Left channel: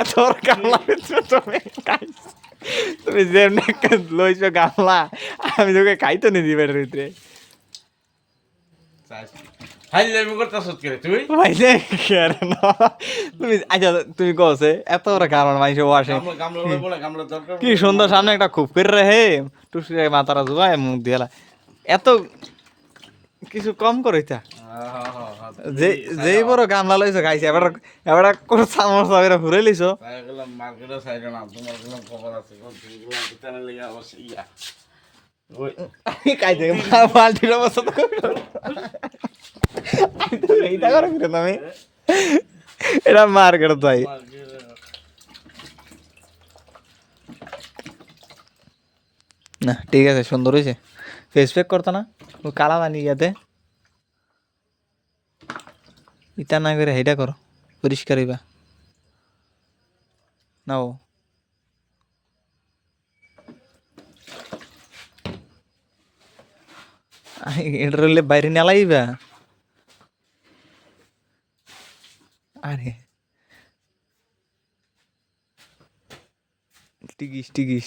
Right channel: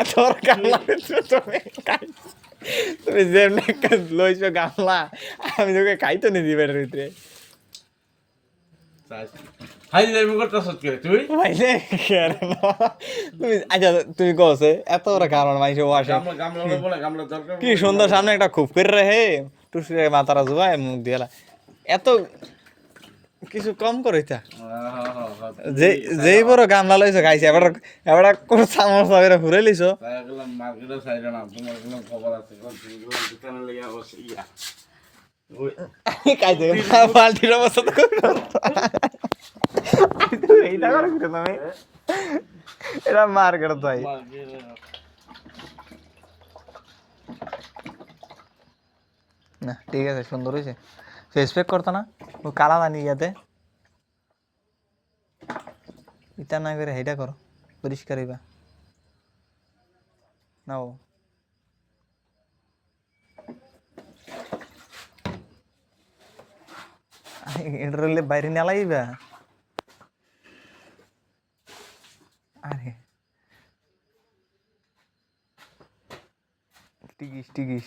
এত বড় গামলা দিচ্ছ তুমি তুমি যেমনি একটা লইছো গামলা আমি তোকে খাইতো নি দিবের ভিতরে ভাইলে তুমি আচ্ছা তুমি কছে এত বড় গামলা মাইছে ওয়াশে কি সুন্দর সামনে একটা খুব করে রে টুসি মাথারা জুবাই মুখ দিলা এত কিছু কম করে তা যে যেই বড় গামলা লইছো খাইছে এবার এবার কোন সামোসা বেরা ঘুরে লিছো মার্কেটে সাইড না তোমার কোনো খবর আছে চ্যানেল লিগে অবশ্যই ইয়া খাইছে বালতির অবস্থা তো এইটা করে ফিরে তুমি এটা মার্কেট তাই না ঠিক আছে সুন্দর হয়েছে ফেস প্যাক করতো না ও কালা বানিয়ে যাতে ইটা না করে হেটা করো পরিষ্কার হইবা নাও এটার হলে বাইরে নেলাইবা আরে টিকিস টিকিস